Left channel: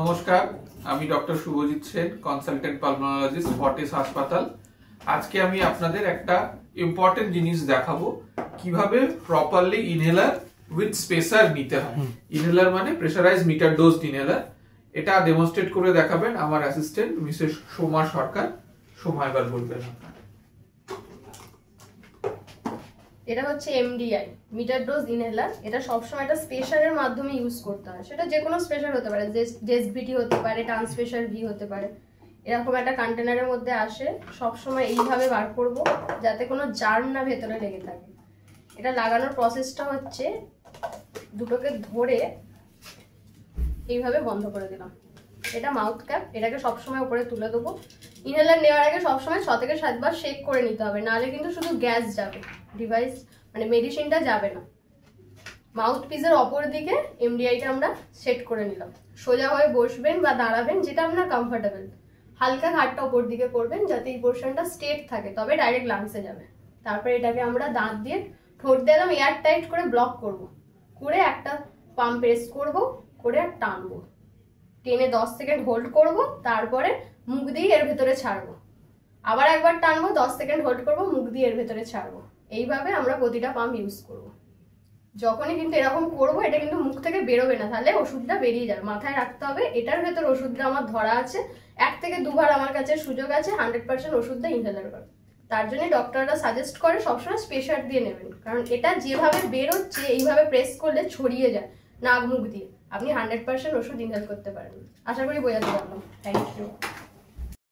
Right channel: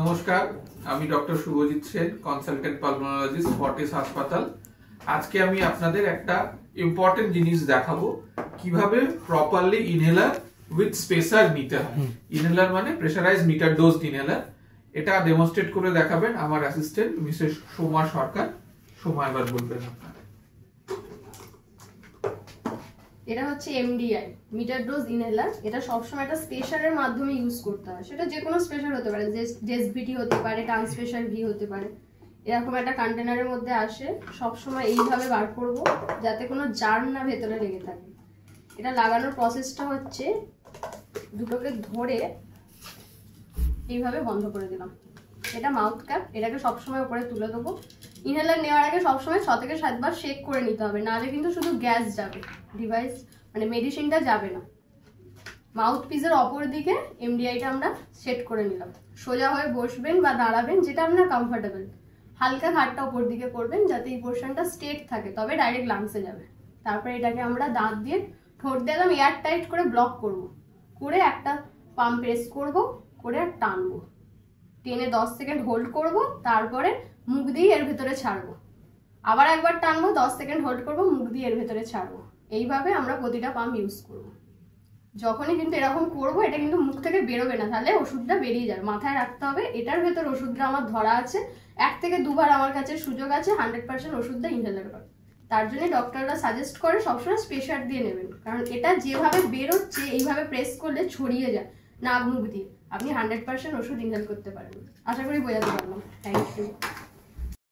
নমস্কার, আমি doctor Subhajit Sen, consultant pulmonologist, Fortis হাসপাতাল। আজকে আমি আপনাদের একটা ইম্পর্টেন্ট জিনিস দেখাবো, কিভাবে প্রপারলি ইনহেলার উইথ স্পেসার নিতে হয়। ইনহেলার মানে প্রেসারাইজ মিটার ডোজ ইনহেলার। এটা ডেমনস্ট্রেট করে দেখাবেন আমার অ্যাসিস্ট্যান্ট মিসেস সোমা সরকার। সোমা এবার বলবেন। এটা হচ্ছে এমডিআই, মিটার ডোজ ইনহেলার। এটা সবসময় একটা স্পেশারের মাধ্যমে ইউজ করতে হয়। সেটা যে কোনো স্পেশার হতে পারে, জেসভিটি হতে পারে, ট্রান্সপেশার ভি হতে পারে। এরকম একটা কন্টেনারের মধ্যে আসে, সবসময় এইভাবে বার করব যাতে কোনো জার্ম না ভেতরে লেগে থাকে। এটা লাগানোর প্রসেসটা হচ্ছে দুটোকে ধরে এইভাবে বন্ধ করে দিলাম। এটা মাউথ ক্যাপ, এটাকে সবসময় উপরে তুলে দেবো। ইনহেলার নেওয়ার আগে সবসময় 6 থেকে 7 বার শেক করে নিতে হবে, নাহলে কিন্তু শুধু গ্যাস যাবে, ডিভাইস মানে মেডিসিনটা যাবে না। মাউথ পিসের অপর দিকে এমডিআইটা আমরা সেট করে নিলাম। সোজা হয়ে বসবেন বা দাঁড়াবেন, যেটা আপনার কমফোর্টেবল। হালকা ঘাটটা উপর দিকে করবেন যাতে এই পোর্শনটা স্ট্রেট থাকে, তবে ডাইরেক্ট লাংসে যাবে। তারপরে এটাকে আমরা দাঁত দিয়ে ঠোঁট দিয়ে একদম এয়ার টাইট করে ব্লক করব, করে একটা পাম্প প্রেস করব, করে টানবো। টেনে 10 সেকেন্ড হোল্ড করব, তারপরে মুখ দিয়ে এর ভেতরে ছাড়বো। আবার একবার টানবো, 10 সেকেন্ড হোল্ড করব, মুখ দিয়ে এর ভেতরে ছাড়বো। এইভাবে আমরা প্রতিটা পাম্প ইউজ করব। যখনই কিন্তু এরকম করব, এটা কিন্তু মুখ থেকে বেরোবে না, তাহলে ওষুধটা বেরিয়ে যাবে। মাথায় রাখতে হবে এটার ভেতর ওষুধটা আমার ধরা আছে। 1 থেকে 2 বার আমার কাছে সুযোগ আছে 100% ওষুধটা ইনহেলার করার। তার জন্য ডক্টররা সাজেস্ট করে সবসময় স্পেশার দিয়ে নেবেন, কারণ এটা যেভাবে বেরোচ্ছে এইভাবে প্রেস করলে ছড়িয়ে যায় নাক মুখ দিয়ে। আপনি 100% ওষুধ ইনহেল করতে পারেন। আশা করি বোঝাতে পারলাম। Thank you.